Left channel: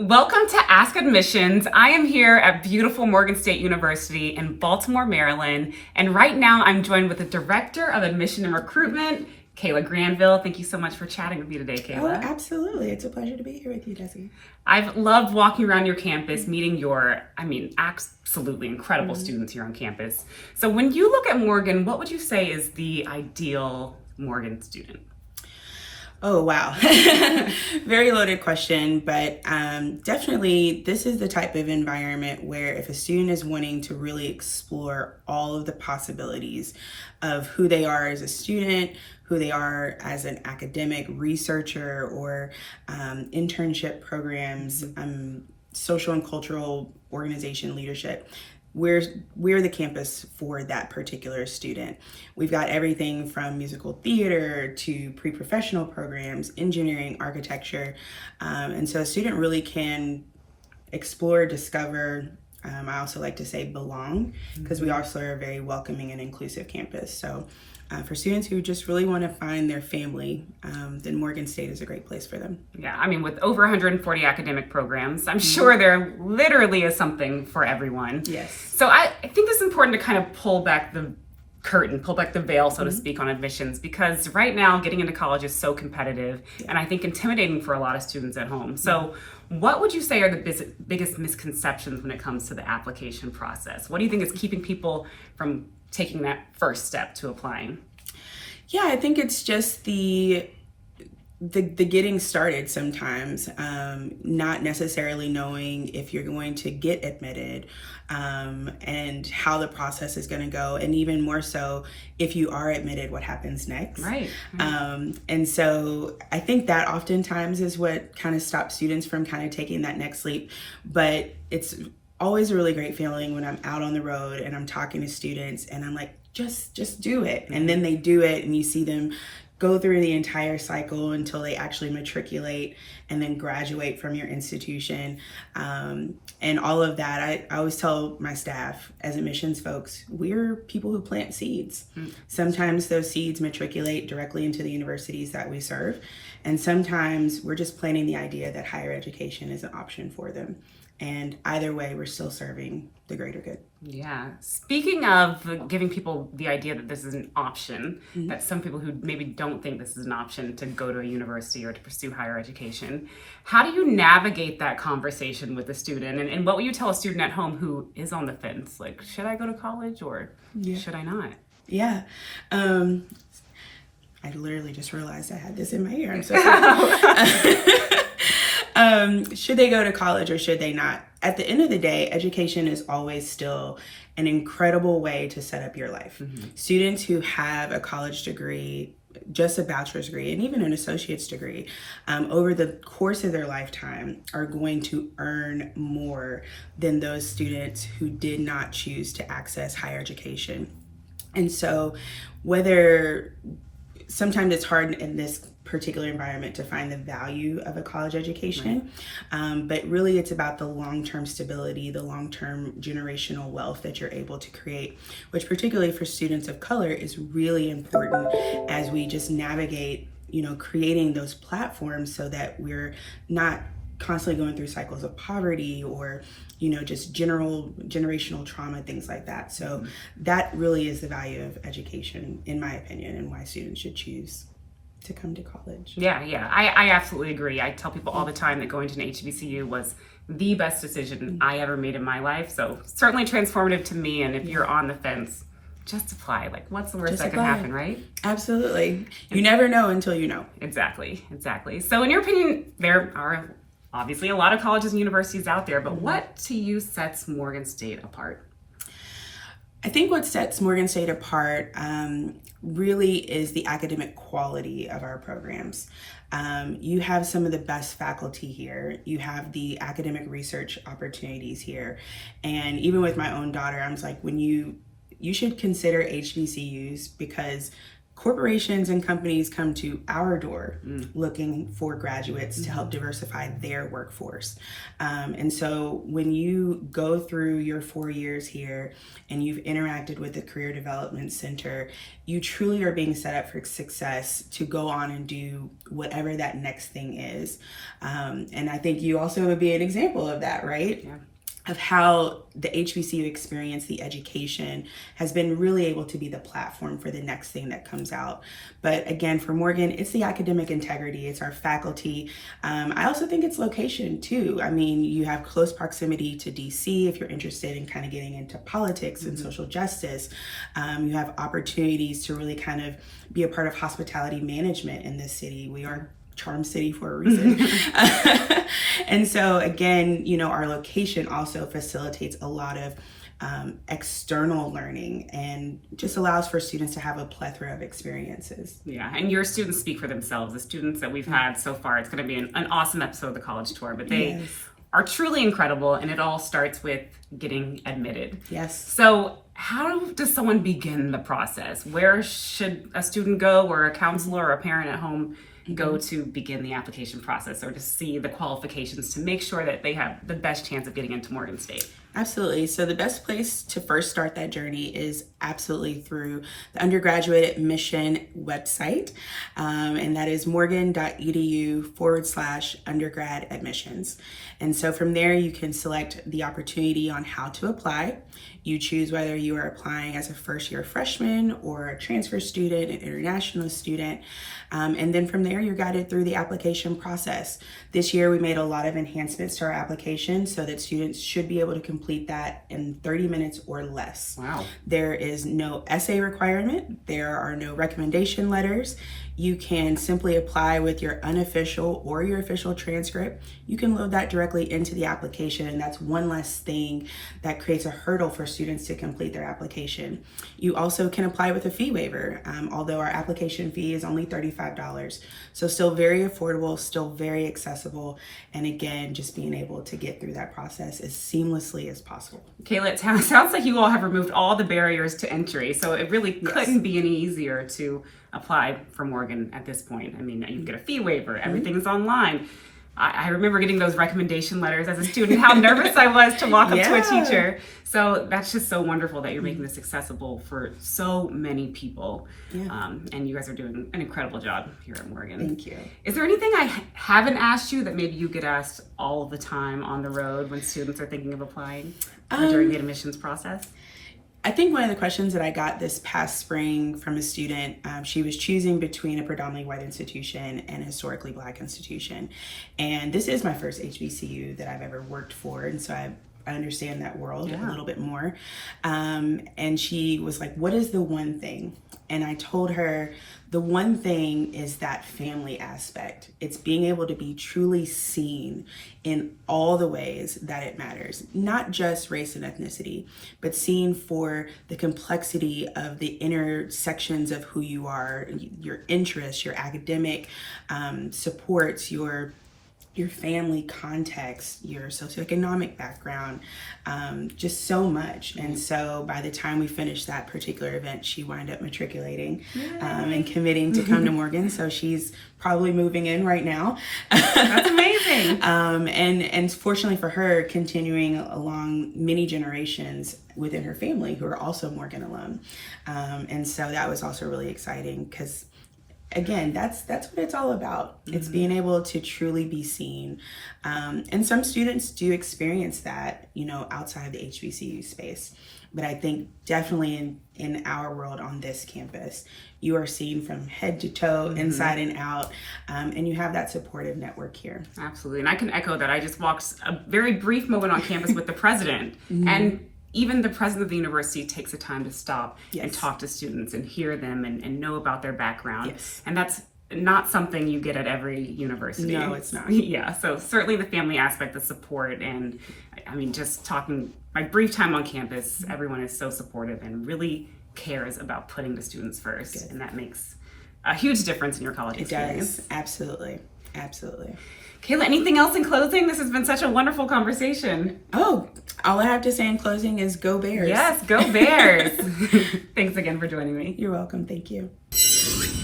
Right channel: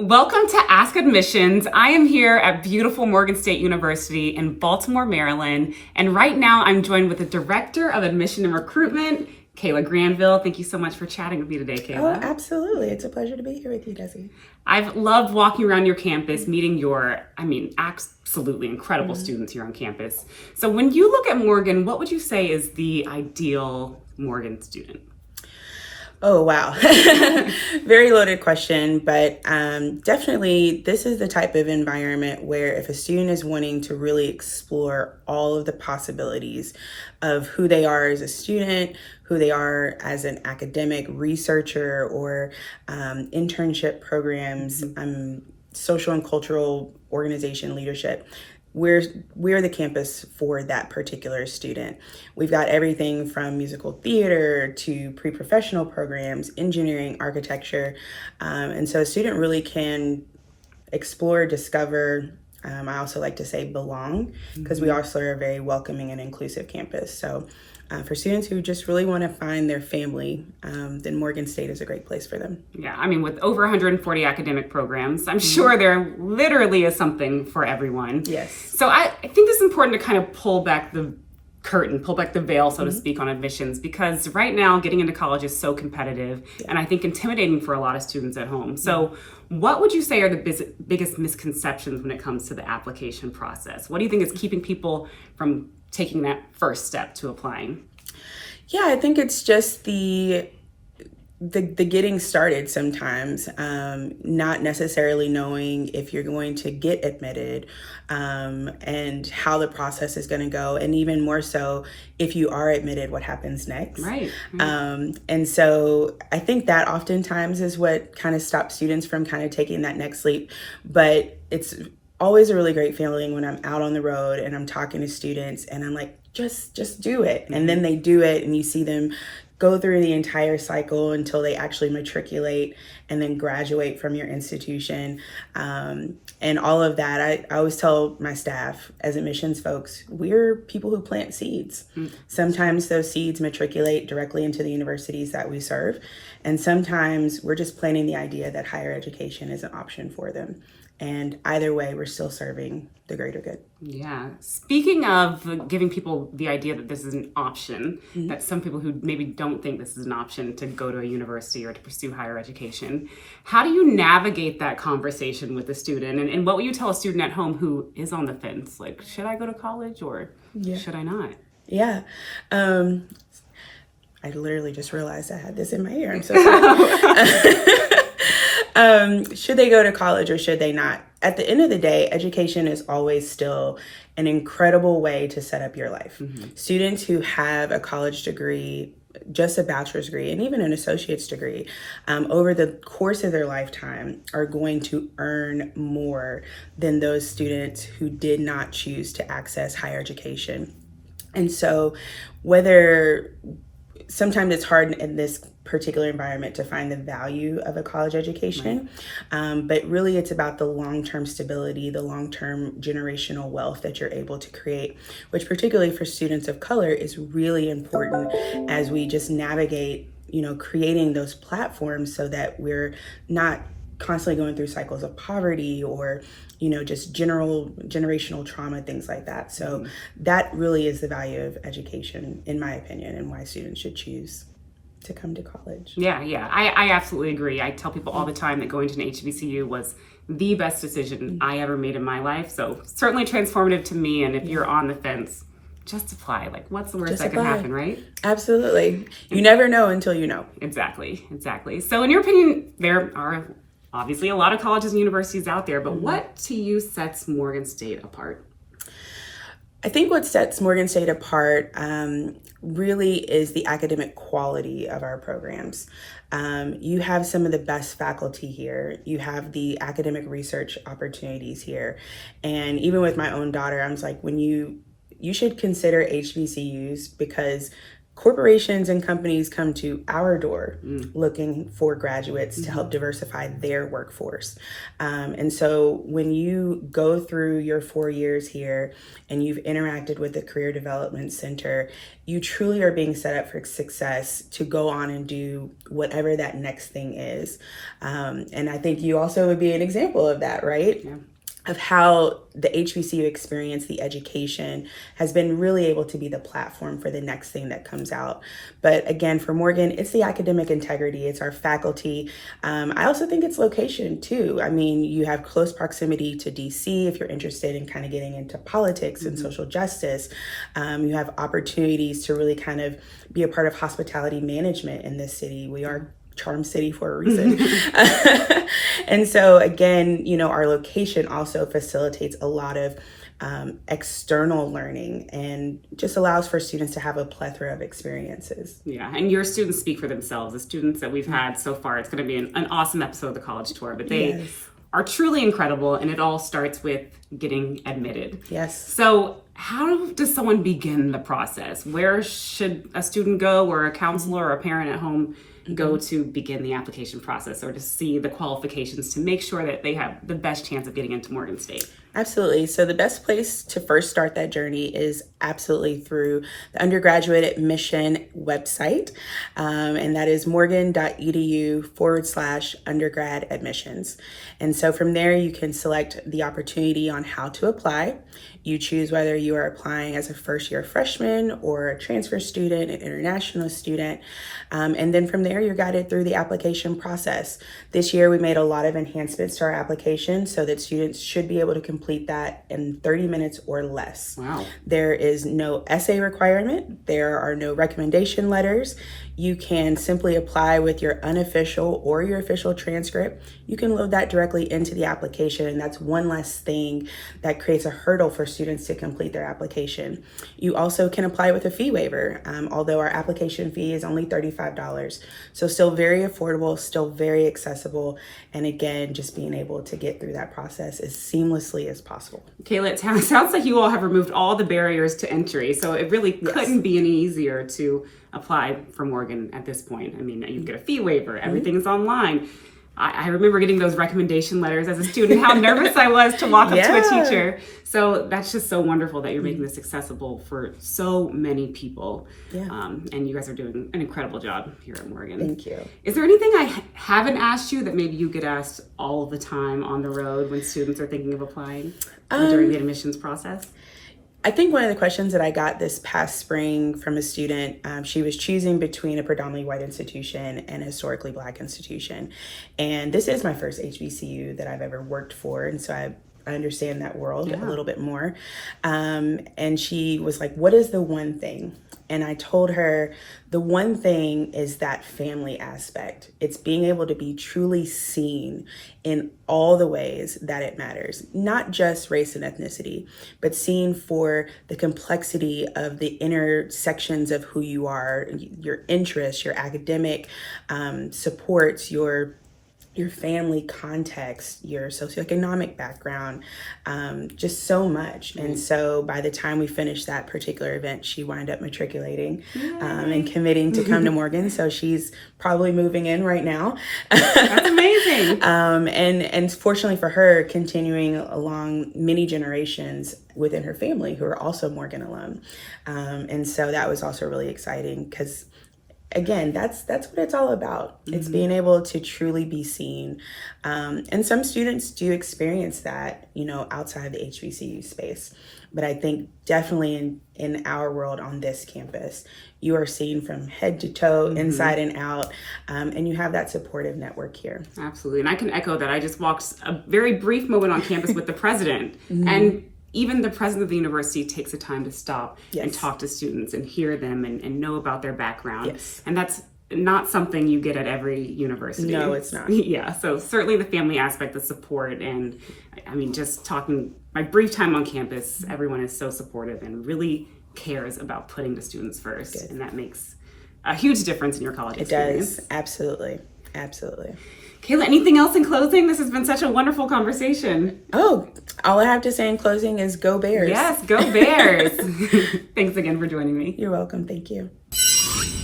Welcome to Ask Admissions. I am here at beautiful Morgan State University in Baltimore, Maryland. And right now I'm joined with the Director of Admission and Recruitment, Khala Granville. Thank you so much for chatting with me today, Khala. Oh, absolutely. It's a pleasure to be here with you, Desi. I've loved walking around your campus, meeting your, absolutely incredible students here on campus. So when you look at Morgan, what would you say is the ideal Morgan student? Oh, wow. Very loaded question, but definitely this is the type of environment where if a student is wanting to really explore all of the possibilities of who they are as a student, who they are as an academic researcher or internship programs, social and cultural organization leadership, we're the campus for that particular student. We've got everything from musical theater to pre-professional programs, engineering, architecture. And so a student really can explore, discover, I also like to say belong, because we also are a very welcoming and inclusive campus. So for students who just really want to find their family, then Morgan State is a great place for them. Yeah, with over 140 academic programs, I'm sure there literally is something for everyone. Yes. So I think it's important to kind of pull back the curtain, pull back the veil, so to speak, on admissions, because right now getting into college is so competitive and I think intimidating for a lot of students at home. So what would you say are the biggest misconceptions when it comes to the application process? What do you think is keeping people from taking that first step to applying? Yeah, I think it's just the getting started sometimes, not necessarily knowing if you're going to get admitted and how the process is going to go. And even more so, if you are admitted, what happens next. Right. And so I think that oftentimes is what kind of stops students from kind of taking that next leap. But it's always a really great feeling when I'm out on the road and I'm talking to students and I'm like, just do it. And then they do it and you see them go through the entire cycle until they actually matriculate and then graduate from your institution. And all of that, I always tell my staff as admissions folks, we're people who plant seeds. Sometimes those seeds matriculate directly into the universities that we serve. And sometimes we're just planting the idea that higher education is an option for them. And either way, we're still serving the greater good. Yeah. Speaking of giving people the idea that this is an option, that some people who maybe don't think this is an option to go to a university or to pursue higher education, how do you navigate that conversation with the student? And what would you tell a student at home who is on the fence? Like, should I go to college or should I not? Yeah. I literally just realized I had this in my ear. I'm so sorry. Should they go to college or should they not? At the end of the day, education is always still an incredible way to set up your life. Students who have a college degree, just a bachelor's degree, and even an associate's degree, over the course of their lifetime are going to earn more than those students who did not choose to access higher education. And so whether sometimes it's hard in this particular environment to find the value of a college education, but really it's about the long-term stability, the long-term generational wealth that you're able to create, which particularly for students of color is really important as we just navigate, creating those platforms so that we're not constantly going through cycles of poverty or just generational trauma, things like that. So that really is the value of education, in my opinion, and why students should choose to come to college. Yeah. I absolutely agree. I tell people all the time that going to an HBCU was the best decision I ever made in my life. So certainly transformative to me. And if you're on the fence, just apply. Like, what's the worst that can happen, right? Absolutely. You never know until you know. Exactly. So in your opinion, there are obviously a lot of colleges and universities out there, but what to you sets Morgan State apart? I think what sets Morgan State apart really is the academic quality of our programs. You have some of the best faculty here. You have the academic research opportunities here. And even with my own daughter, I was like, you should consider HBCUs because corporations and companies come to our door looking for graduates to help diversify their workforce. And so when you go through your 4 years here and you've interacted with the Career Development Center, you truly are being set up for success to go on and do whatever that next thing is. And I think you also would be an example of that, right? Yeah. Of how the HBCU experience, the education, has been really able to be the platform for the next thing that comes out. But again, for Morgan, it's the academic integrity, it's our faculty. I also think it's location too. I mean, you have close proximity to DC if you're interested in kind of getting into politics and social justice. You have opportunities to really kind of be a part of hospitality management in this city. We are Charm City for a reason. And so again, you know, our location also facilitates a lot of external learning and just allows for students to have a plethora of experiences. Yeah, and your students speak for themselves. The students that we've had so far, it's going to be an awesome episode of the college tour, but they are truly incredible, and it all starts with getting admitted. Yes. So how does someone begin the process? Where should a student go, or a counselor or a parent at home go to begin the application process, or to see the qualifications to make sure that they have the best chance of getting into Morgan State? Absolutely. So the best place to first start that journey is absolutely through the undergraduate admission website. And that is morgan.edu/undergrad admissions. And so from there, you can select the opportunity on how to apply. You choose whether you are applying as a first-year freshman or a transfer student, an international student. And then from there, you're guided through the application process. This year, we made a lot of enhancements to our application so that students should be able to complete that in 30 minutes or less. Wow. There is no essay requirement. There are no recommendation letters. You can simply apply with your unofficial or your official transcript. You can load that directly into the application, and that's one less thing that creates a hurdle for students to complete their application. You also can apply with a fee waiver, although our application fee is only $35. So still very affordable, still very accessible, and again, just being able to get through that process as seamlessly as possible. Kayla, it sounds like you all have removed all the barriers to entry, so it really couldn't be any easier to apply for Morgan at this point. I mean, you get a fee waiver, everything is online. I remember getting those recommendation letters as a student, how nervous I was to walk up to a teacher. So that's just so wonderful that you're making this accessible for so many people. And you guys are doing an incredible job here at Morgan. Thank you. Is there anything I haven't asked you that maybe you get asked all the time on the road when students are thinking of applying or during the admissions process? I think one of the questions that I got this past spring from a student, she was choosing between a predominantly white institution and a historically Black institution. And this is my first HBCU that I've ever worked for. And so I understand that world a little bit more. And she was like, what is the one thing? And I told her, the one thing is that family aspect. It's being able to be truly seen in all the ways that it matters, not just race and ethnicity, but seen for the complexity of the intersections of who you are, your interests, your academic supports, your family context, your socioeconomic background, just so much. And so by the time we finished that particular event, she wound up matriculating and committing to come to Morgan. So she's probably moving in right now. That's amazing. And fortunately for her, continuing along many generations within her family who are also Morgan alum. And so that was also really exciting because again, that's what it's all about. It's being able to truly be seen. And some students do experience that, you know, outside the HBCU space. But I think definitely in our world on this campus, you are seen from head to toe, inside and out, and you have that supportive network here. Absolutely. And I can echo that. I just walked a very brief moment on campus with the president, and even the president of the university takes the time to stop and talk to students and hear them and know about their background. And that's not something you get at every university. No, it's not. Yeah, so certainly the family aspect, the support, and I mean, just talking, my brief time on campus, everyone is so supportive and really cares about putting the students first. And that makes a huge difference in your college experience. It does, absolutely, absolutely. Kayla, anything else in closing? This has been such a wonderful conversation. Oh, all I have to say in closing is go Bears. Yes, go Bears. Thanks again for joining me. You're welcome. Thank you. you.